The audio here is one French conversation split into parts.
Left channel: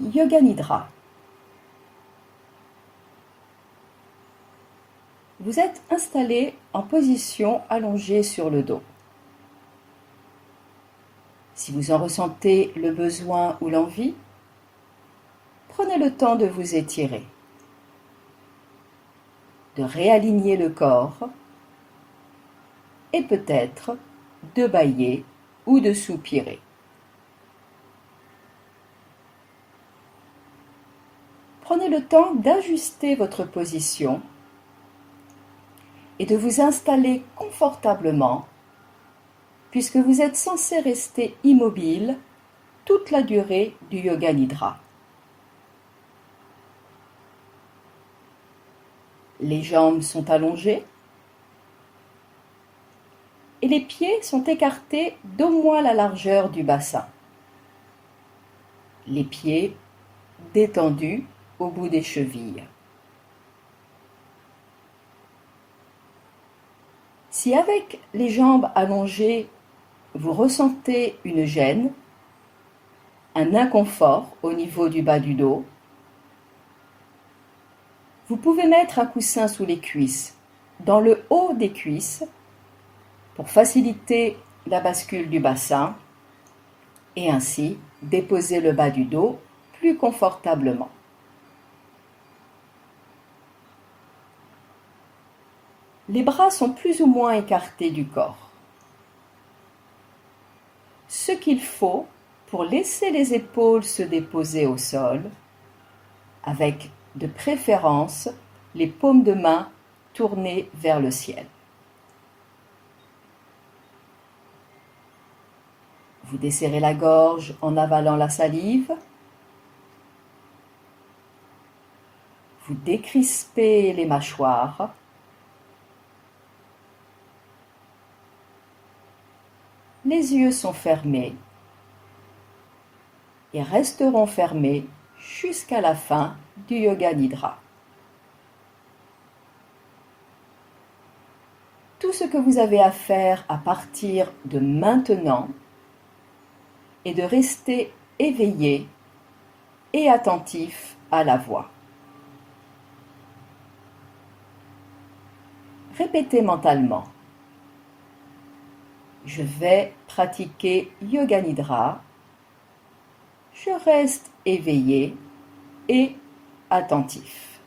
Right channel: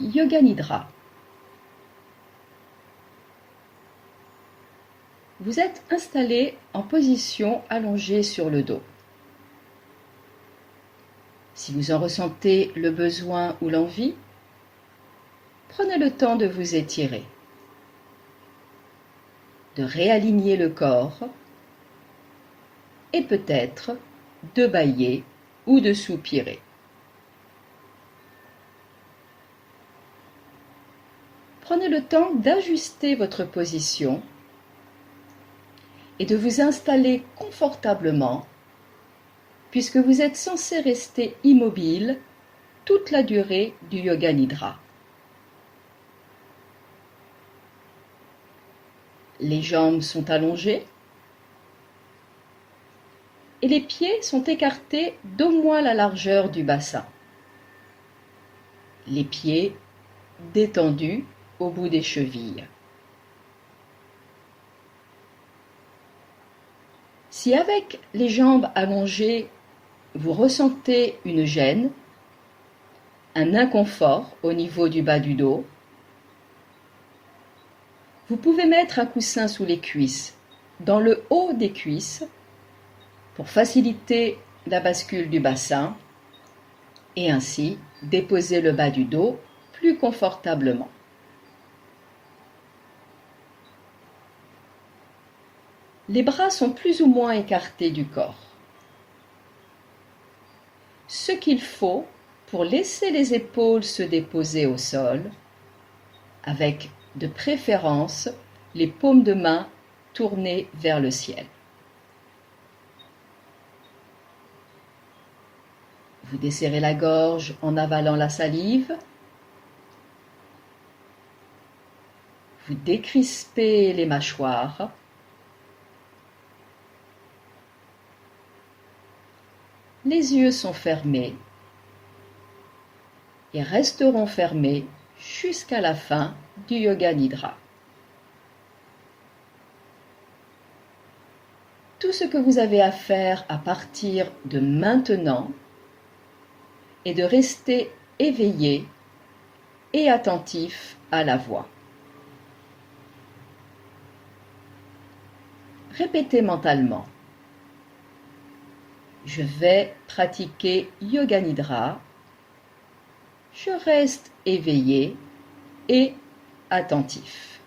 Yoga Nidra. Vous êtes installé en position allongée sur le dos. Si vous en ressentez le besoin ou l'envie, prenez le temps de vous étirer, de réaligner le corps et peut-être de bâiller ou de soupirer. Prenez le temps d'ajuster votre position et de vous installer confortablement puisque vous êtes censé rester immobile toute la durée du Yoga Nidra. Les jambes sont allongées et les pieds sont écartés d'au moins la largeur du bassin. Les pieds détendus au bout des chevilles. Si avec les jambes allongées, vous ressentez une gêne, un inconfort au niveau du bas du dos, vous pouvez mettre un coussin sous les cuisses, dans le haut des cuisses, pour faciliter la bascule du bassin et ainsi déposer le bas du dos plus confortablement. Les bras sont plus ou moins écartés du corps. Ce qu'il faut pour laisser les épaules se déposer au sol, avec de préférence les paumes de main tournées vers le ciel. Vous desserrez la gorge en avalant la salive. Vous décrispez les mâchoires. Les yeux sont fermés et resteront fermés jusqu'à la fin du Yoga Nidra. Tout ce que vous avez à faire à partir de maintenant est de rester éveillé et attentif à la voix. Répétez mentalement. Je vais pratiquer Yoga Nidra. Je reste éveillé et attentif.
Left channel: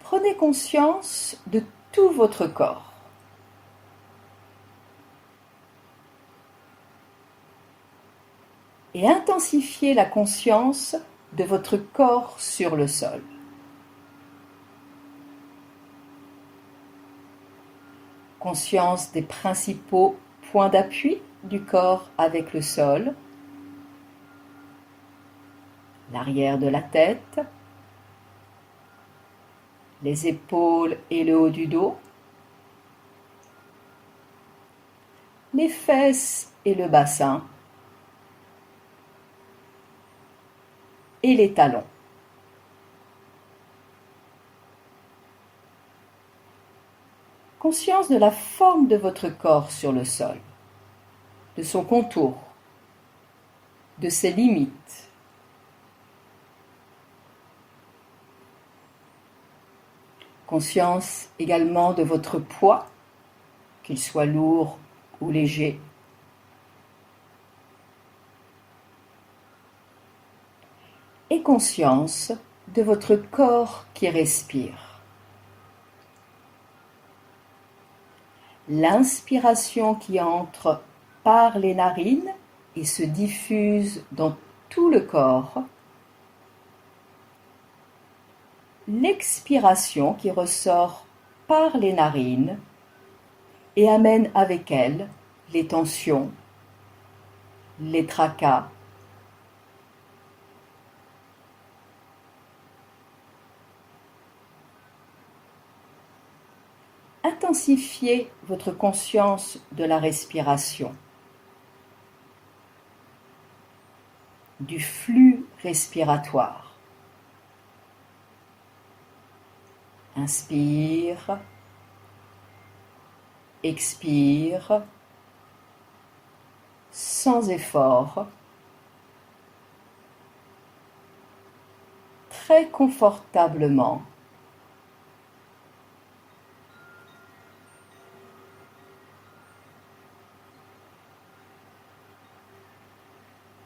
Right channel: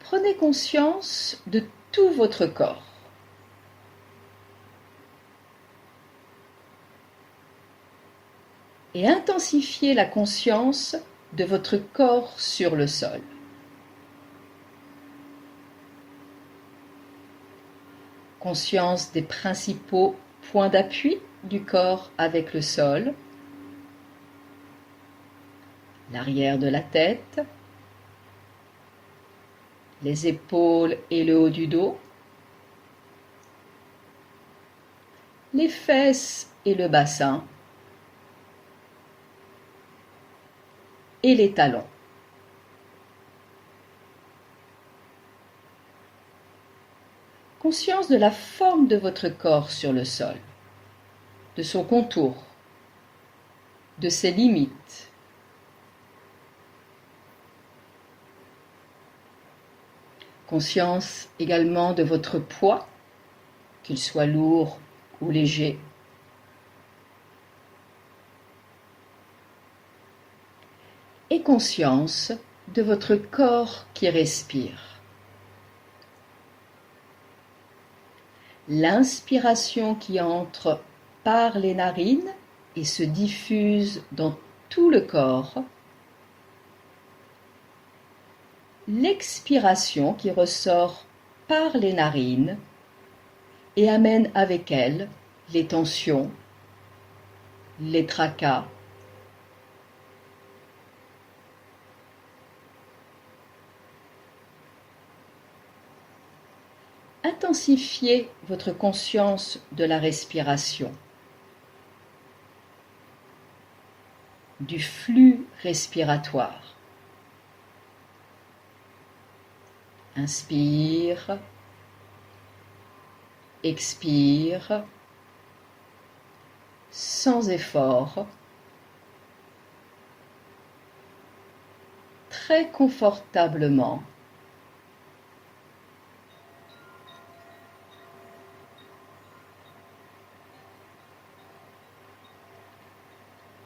Prenez conscience de tout votre corps. Et intensifiez la conscience de votre corps sur le sol. Conscience des principaux points d'appui du corps avec le sol, l'arrière de la tête, les épaules et le haut du dos, les fesses et le bassin, et les talons. Conscience de la forme de votre corps sur le sol, de son contour, de ses limites. Conscience également de votre poids, qu'il soit lourd ou léger. Et conscience de votre corps qui respire. L'inspiration qui entre par les narines et se diffuse dans tout le corps. L'expiration qui ressort par les narines et amène avec elle les tensions, les tracas. Intensifiez votre conscience de la respiration, du flux respiratoire. Inspire, expire, sans effort, très confortablement.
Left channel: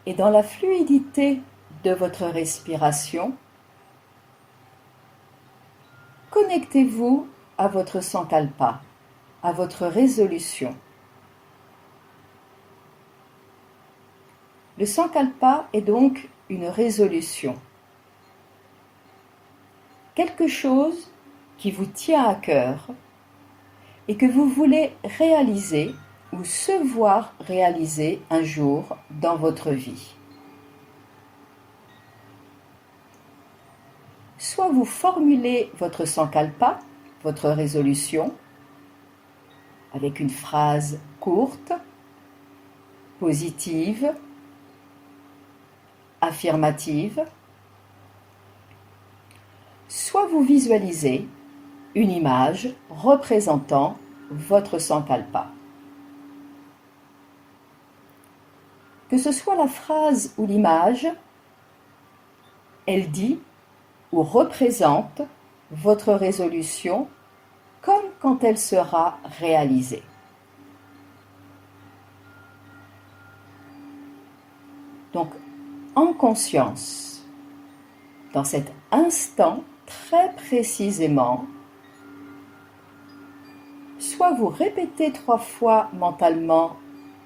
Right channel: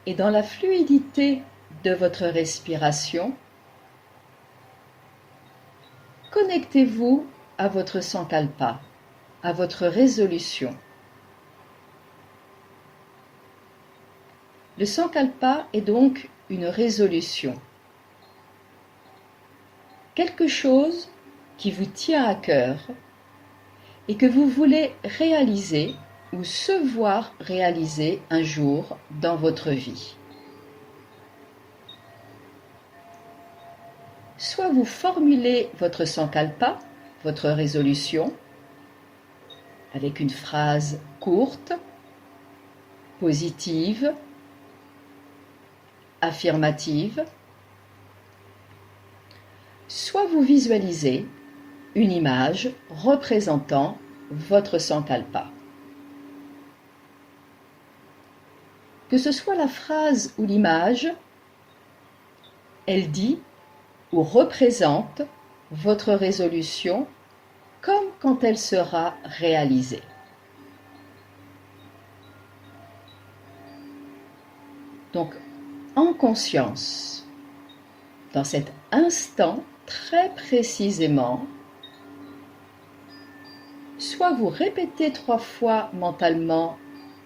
Et dans la fluidité de votre respiration, connectez-vous à votre sankalpa, à votre résolution. Le sankalpa est donc une résolution, quelque chose qui vous tient à cœur et que vous voulez réaliser ou se voir réaliser un jour dans votre vie. Soit vous formulez votre sankalpa, votre résolution, avec une phrase courte, positive, affirmative, soit vous visualisez une image représentant votre sankalpa. Que ce soit la phrase ou l'image, elle dit ou représente votre résolution comme quand elle sera réalisée. Donc, en conscience, dans cet instant très précisément, soit vous répétez 3 fois mentalement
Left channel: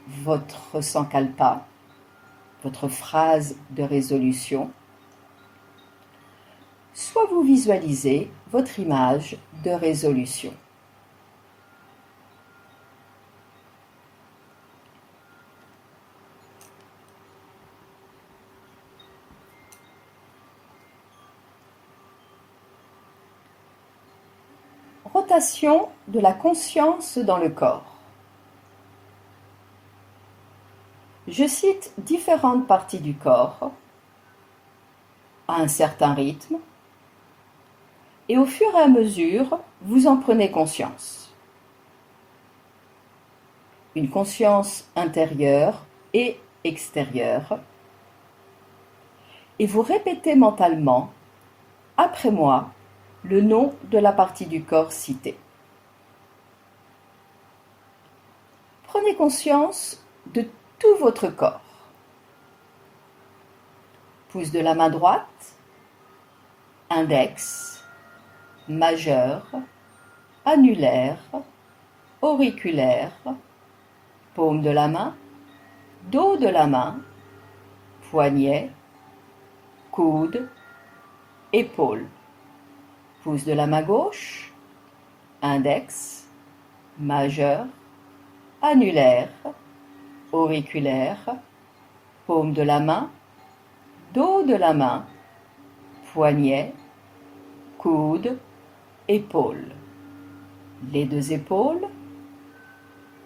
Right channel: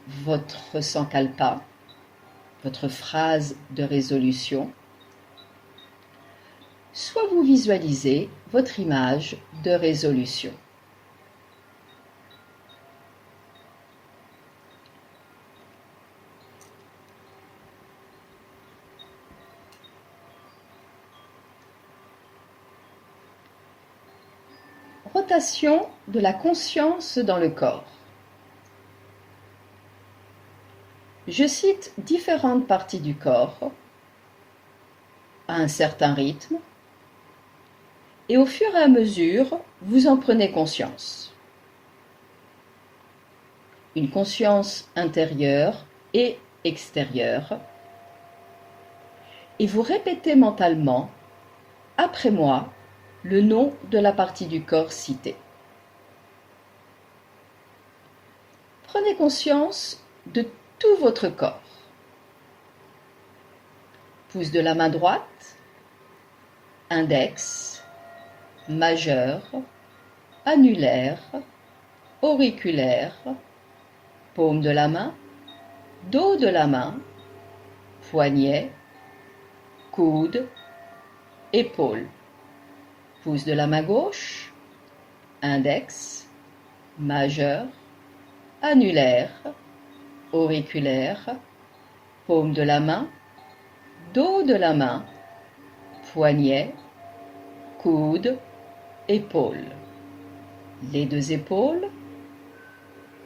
votre sankalpa, votre phrase de résolution, soit vous visualisez votre image de résolution. Rotation de la conscience dans le corps. Je cite différentes parties du corps à un certain rythme et au fur et à mesure, vous en prenez conscience. Une conscience intérieure et extérieure. Et vous répétez mentalement, après moi, le nom de la partie du corps citée. Prenez conscience de tout votre corps. Pouce de la main droite, index, majeur, annulaire, auriculaire, paume de la main, dos de la main, poignet, coude, épaule. Pouce de la main gauche, index, majeur, annulaire, auriculaire, paume de la main, dos de la main, poignet, coude, épaule. Les 2 épaules,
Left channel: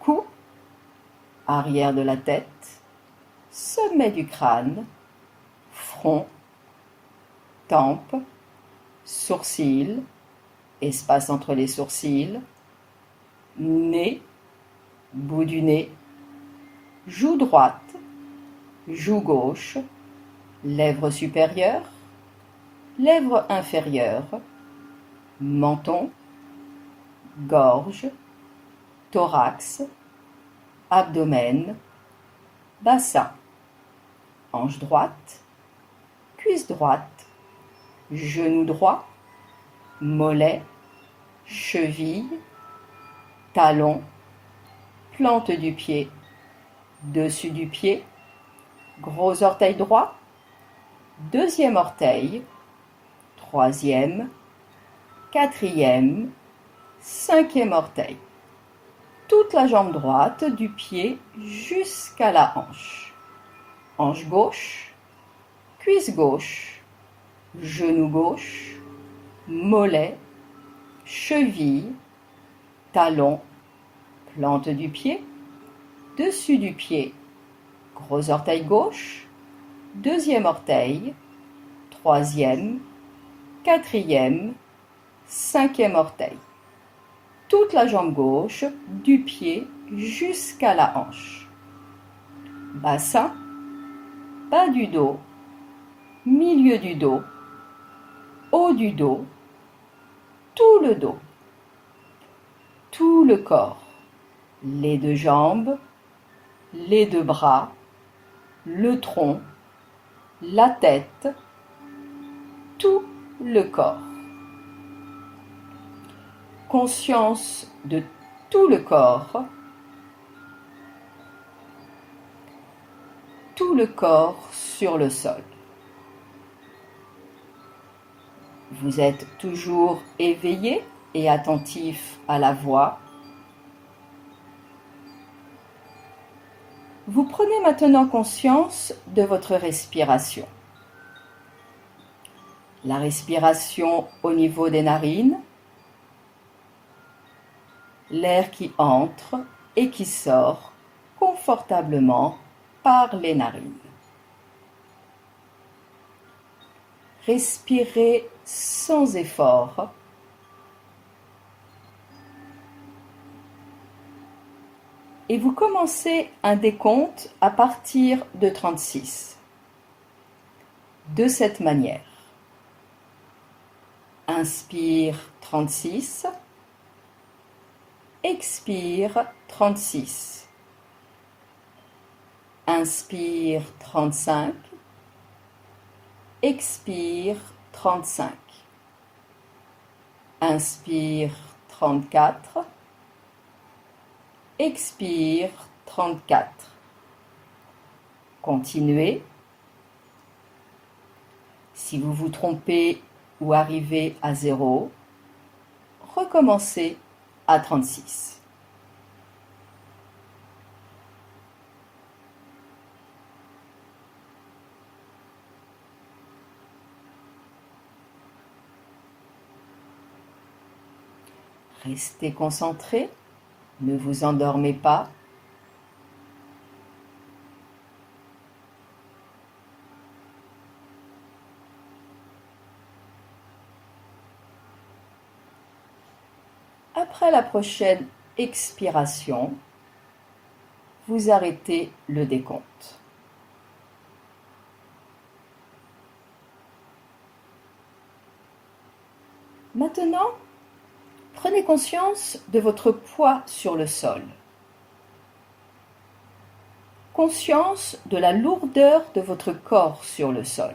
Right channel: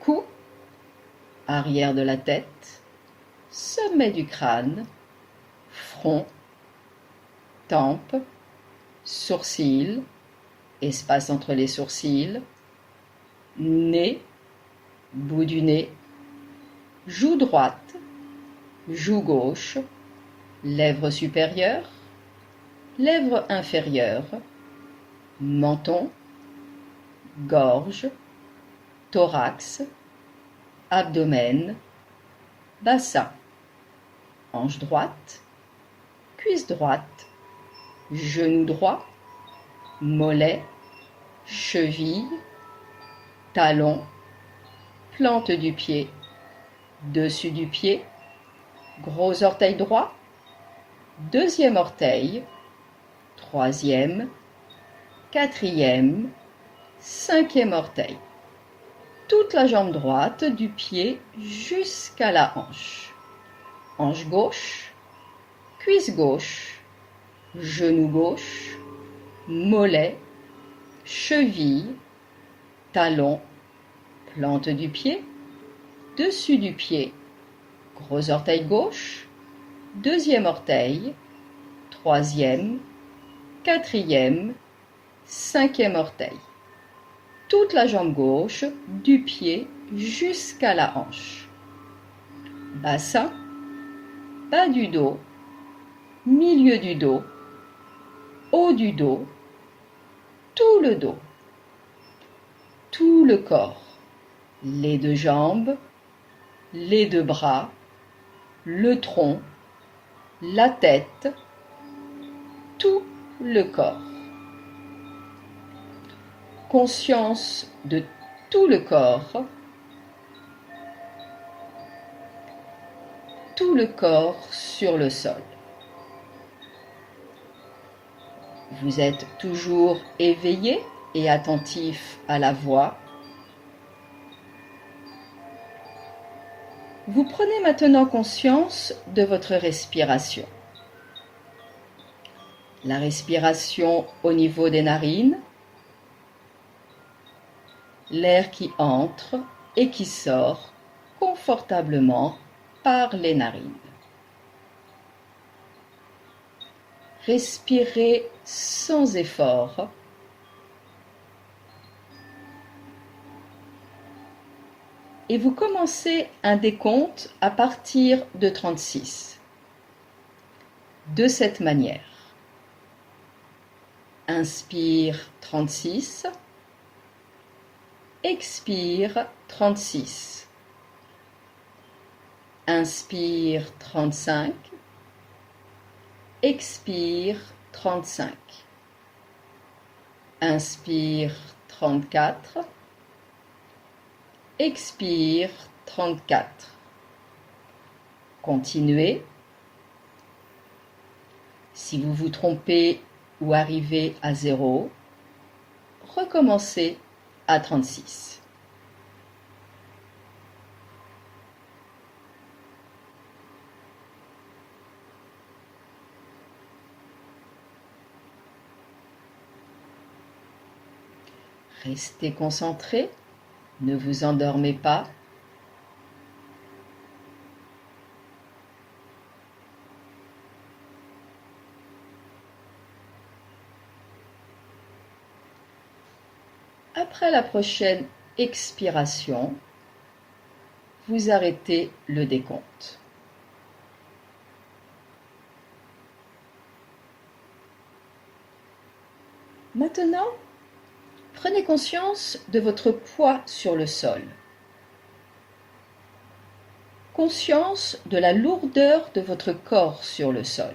cou, arrière de la tête, sommet du crâne, front, tempe, sourcils, espace entre les sourcils, nez, bout du nez, joue droite, joue gauche, lèvre supérieure, lèvre inférieure, menton, gorge, thorax, abdomen, bassin, hanche droite, cuisse droite, genou droit, mollet, cheville, talon, plante du pied, dessus du pied, gros orteil droit, 2e orteil, 3e, 4e, 5e orteil. Toute la jambe droite du pied jusqu'à la hanche. Hanche gauche, cuisse gauche, genou gauche, mollet, cheville, talon, plante du pied, dessus du pied, gros orteil gauche, 2e orteil, 3e, 4e, 5e orteil. Toute la jambe gauche du pied jusqu'à la hanche. bassin, bas du dos, milieu du dos, haut du dos, tout le dos, tout le corps, les deux jambes, les deux bras, le tronc, la tête, tout le corps. Conscience de tout le corps sur le sol. Vous êtes toujours éveillé et attentif à la voix. Vous prenez maintenant conscience de votre respiration. La respiration au niveau des narines, l'air qui entre et qui sort confortablement par les narines. Respirez sans effort. Et vous commencez un décompte à partir de 36. De cette manière. Inspire 36. Expire 36. Inspire 35. Expire 35. Inspire 34. Expire 34. Continuez. Si vous vous trompez ou arrivez à 0, recommencez à 36. Restez concentré, ne vous endormez pas. Après la prochaine expiration, vous arrêtez le décompte. Maintenant, prenez conscience de votre poids sur le sol. Conscience de la lourdeur de votre corps sur le sol.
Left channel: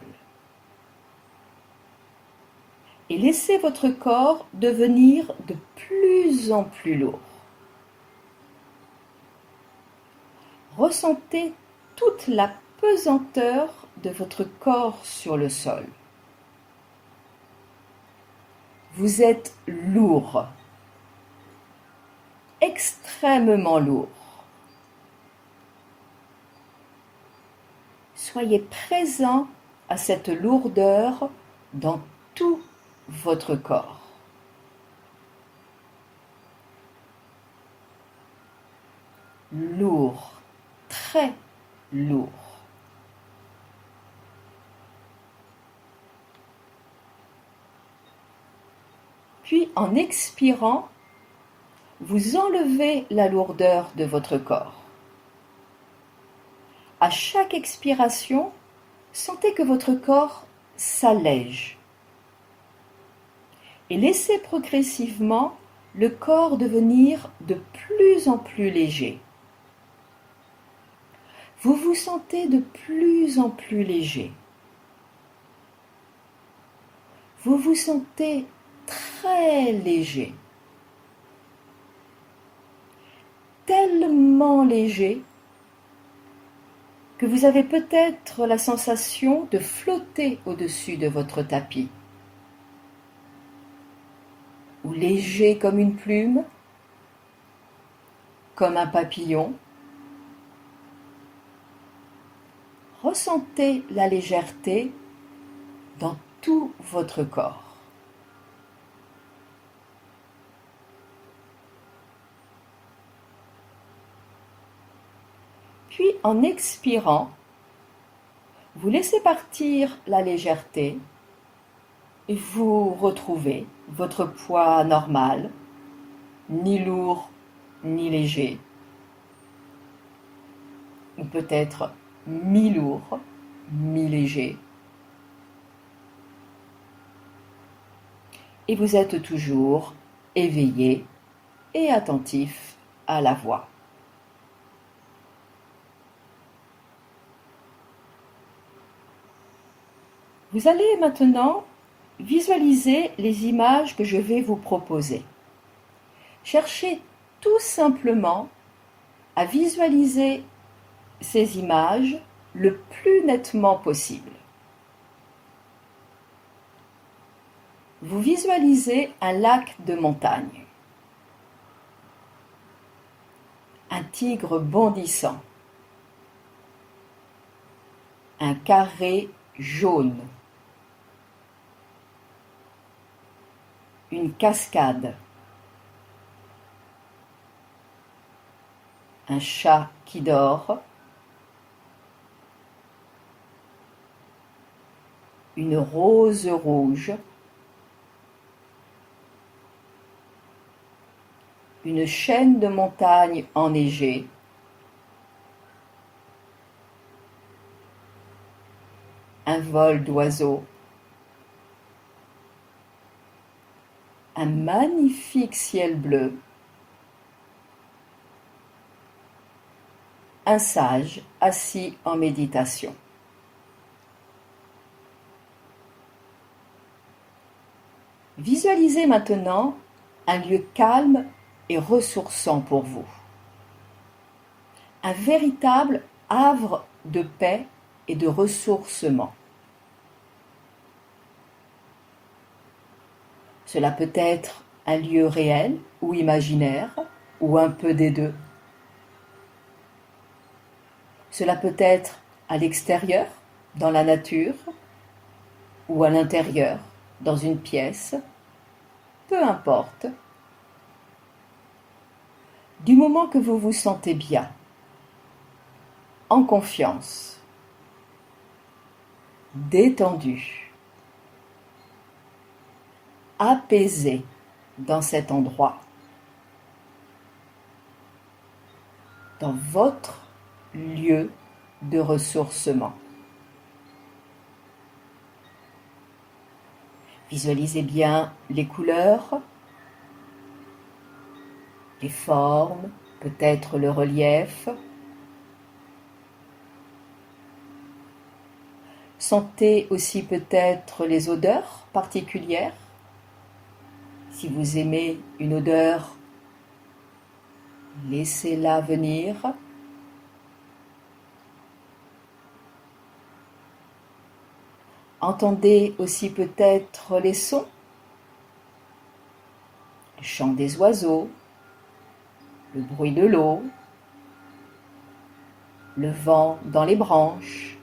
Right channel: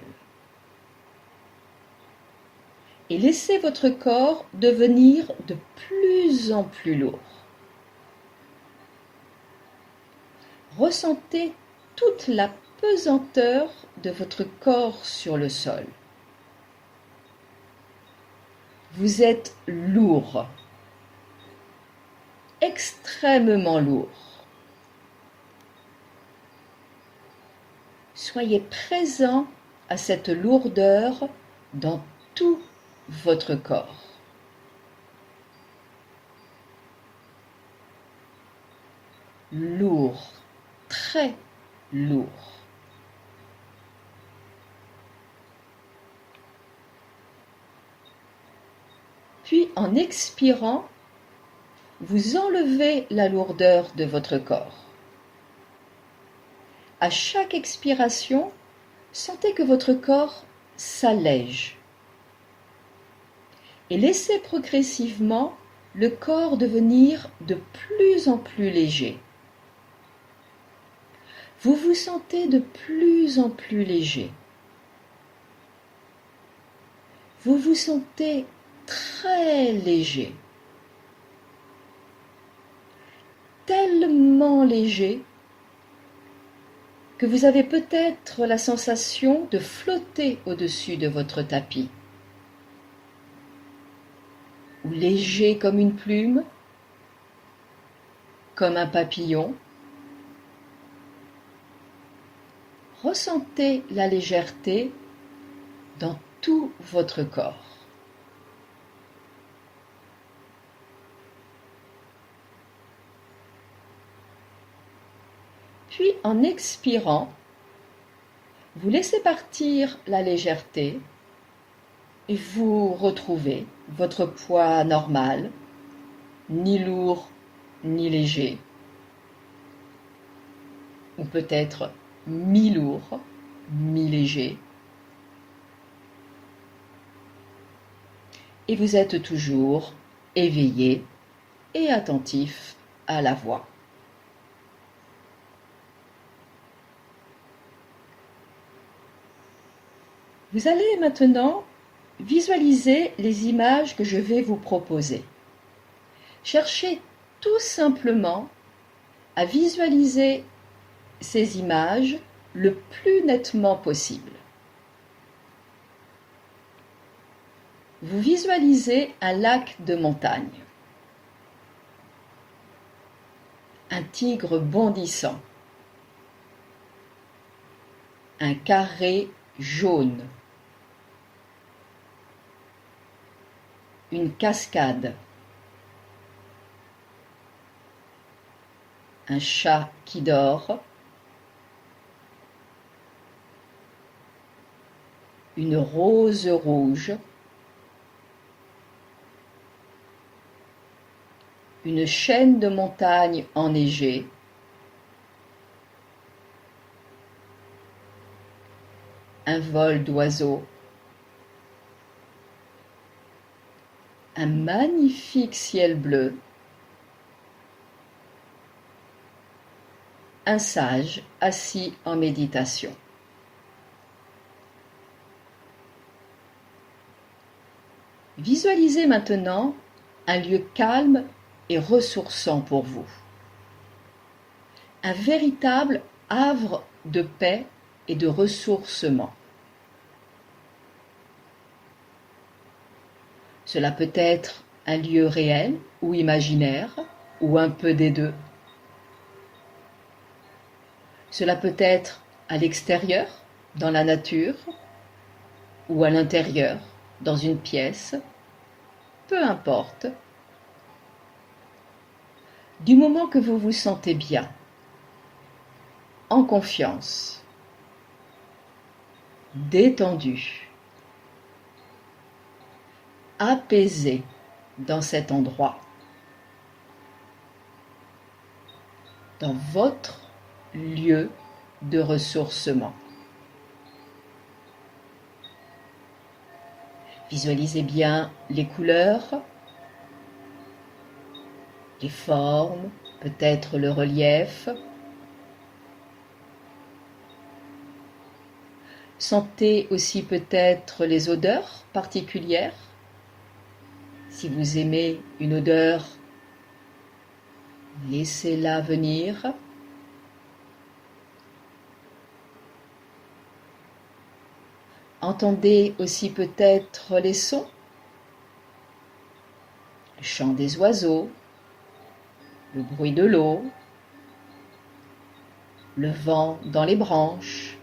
Et laissez votre corps devenir de plus en plus lourd. Ressentez toute la pesanteur de votre corps sur le sol. Vous êtes lourd, extrêmement lourd. Soyez présent à cette lourdeur dans tout votre corps. Lourd, très lourd. Puis en expirant, vous enlevez la lourdeur de votre corps. À chaque expiration, sentez que votre corps s'allège. Et laissez progressivement le corps devenir de plus en plus léger. Vous vous sentez de plus en plus léger. Vous vous sentez très léger. Tellement léger que vous avez peut-être la sensation de flotter au-dessus de votre tapis. Ou léger comme une plume, comme un papillon. Ressentez la légèreté dans tout votre corps. Puis en expirant, vous laissez partir la légèreté et vous retrouvez votre poids normal, ni lourd ni léger. ou peut-être mi-lourd, mi-léger. Et vous êtes toujours éveillé et attentif à la voix. Vous allez maintenant visualiser les images que je vais vous proposer. Cherchez tout simplement à visualiser ces images le plus nettement possible. Vous visualisez un lac de montagne, un tigre bondissant, un carré jaune, une cascade, un chat qui dort, une rose rouge, une chaîne de montagnes enneigées, un vol d'oiseaux, un magnifique ciel bleu, un sage assis en méditation. Visualisez maintenant un lieu calme et ressourçant pour vous. Un véritable havre de paix et de ressourcement. Cela peut être un lieu réel ou imaginaire, ou un peu des deux. Cela peut être à l'extérieur, dans la nature, ou à l'intérieur, dans une pièce, peu importe. Du moment que vous vous sentez bien, en confiance, détendu, apaisé dans cet endroit, dans votre lieu de ressourcement. Visualisez bien les couleurs, les formes, peut-être le relief. Sentez aussi peut-être les odeurs particulières. Si vous aimez une odeur, laissez-la venir. Entendez aussi peut-être les sons, le chant des oiseaux, le bruit de l'eau, le vent dans les branches,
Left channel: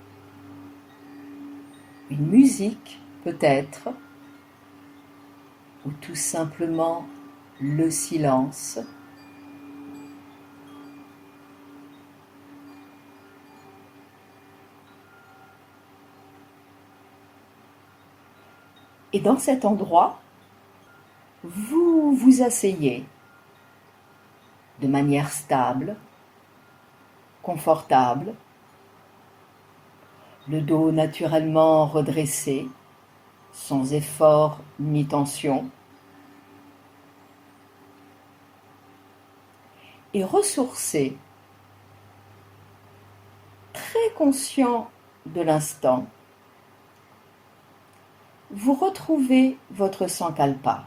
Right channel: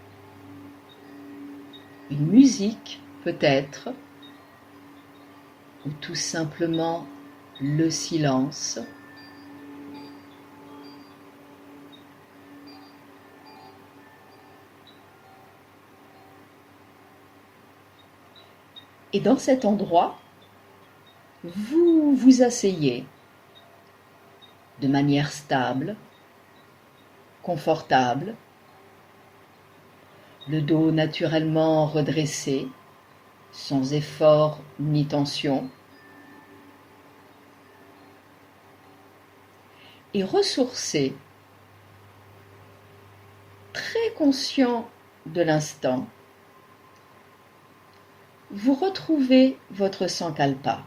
une musique peut-être, ou tout simplement le silence. Et dans cet endroit, vous vous asseyez de manière stable, confortable, le dos naturellement redressé, sans effort ni tension, et ressourcé, très conscient de l'instant. Vous retrouvez votre sankalpa.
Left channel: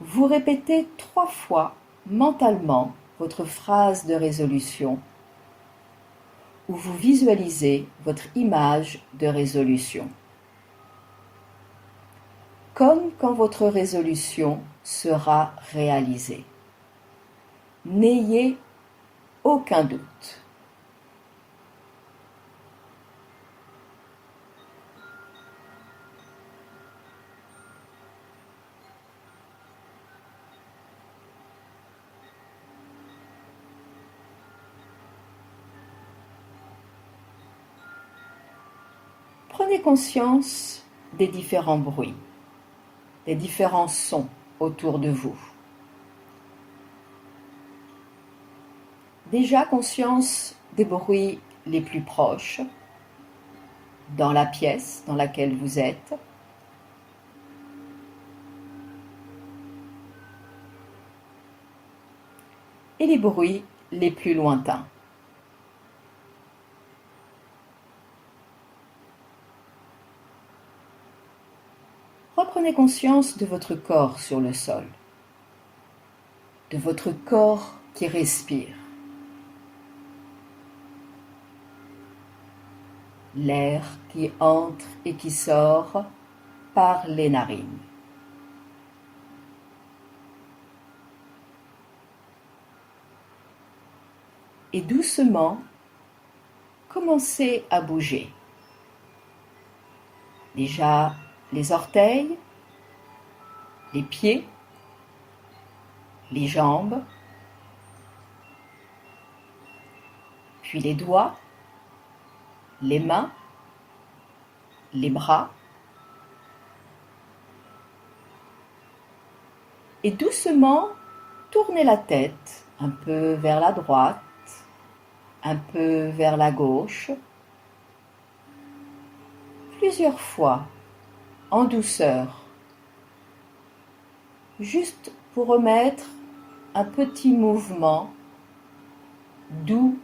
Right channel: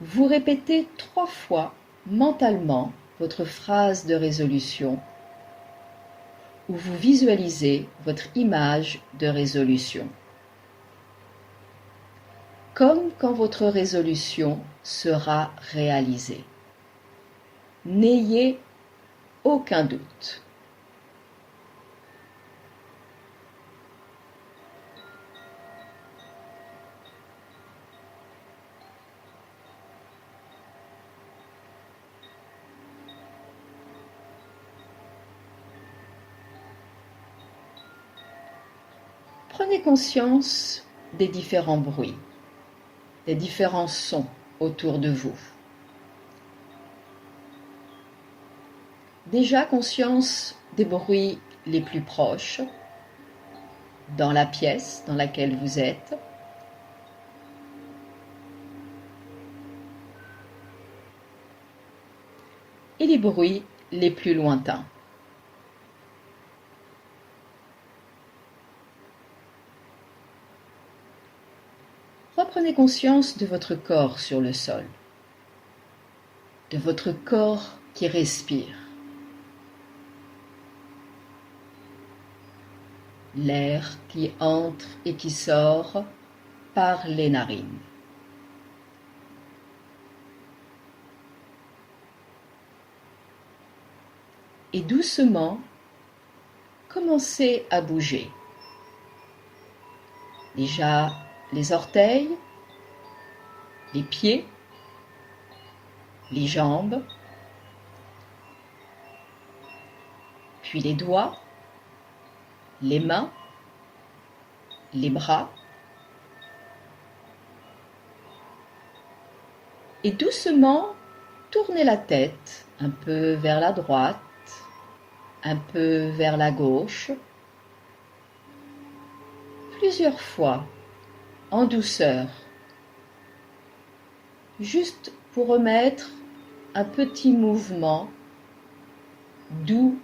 Vous répétez 3 fois mentalement votre phrase de résolution où vous visualisez votre image de résolution. Comme quand votre résolution sera réalisée. N'ayez aucun doute. Prenez conscience des différents bruits, des différents sons autour de vous. Déjà conscience des bruits les plus proches dans la pièce dans laquelle vous êtes. Et les bruits les plus lointains. Reprenez conscience de votre corps sur le sol, de votre corps qui respire. L'air qui entre et qui sort par les narines. Et doucement, commencez à bouger. Déjà les orteils, les pieds, les jambes, puis les doigts, les mains, les bras. Et doucement, tournez la tête un peu vers la droite, un peu vers la gauche, plusieurs fois, en douceur, juste pour remettre un petit mouvement doux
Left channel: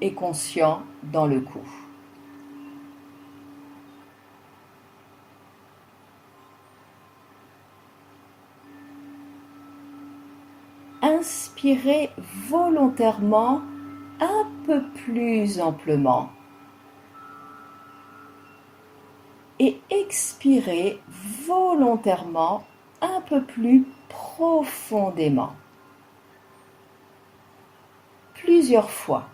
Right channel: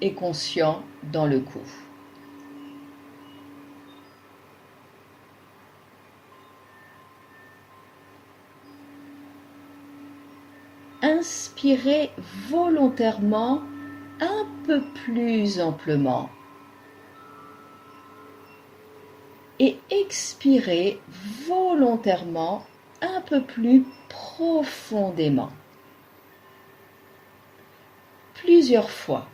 et conscient dans le cou. Inspirez volontairement un peu plus amplement et expirez volontairement un peu plus profondément. Plusieurs fois.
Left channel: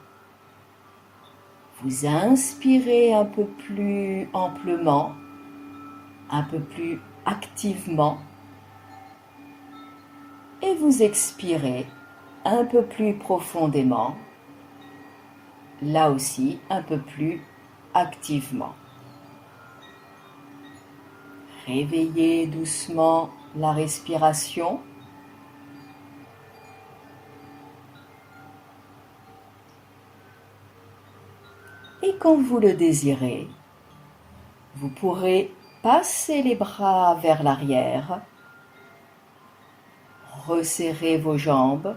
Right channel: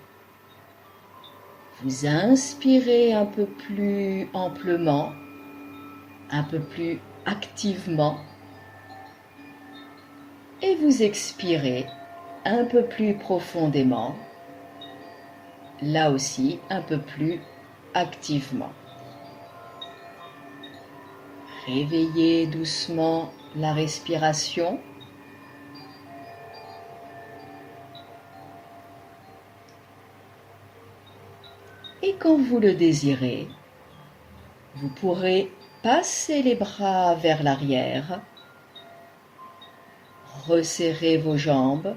Vous inspirez un peu plus amplement, un peu plus activement et vous expirez un peu plus profondément, là aussi un peu plus activement. Réveillez doucement la respiration. Et quand vous le désirez, vous pourrez passer les bras vers l'arrière, resserrer vos jambes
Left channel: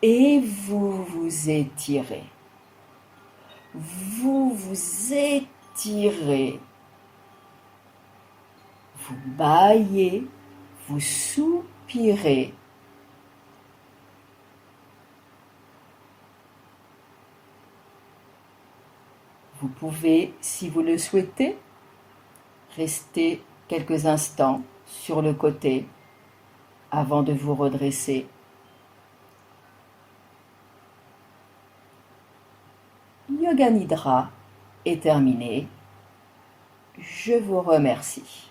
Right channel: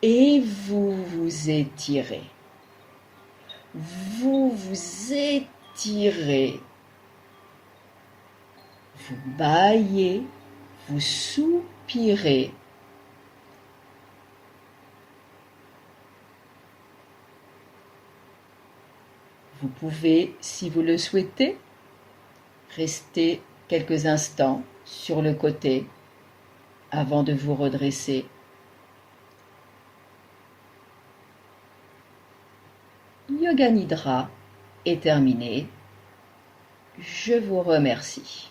et vous vous étirez. Vous vous étirez. Vous bâillez, vous soupirez. Vous pouvez, si vous le souhaitez, rester quelques instants sur le côté avant de vous redresser. Yoga Nidra est terminé. Je vous remercie.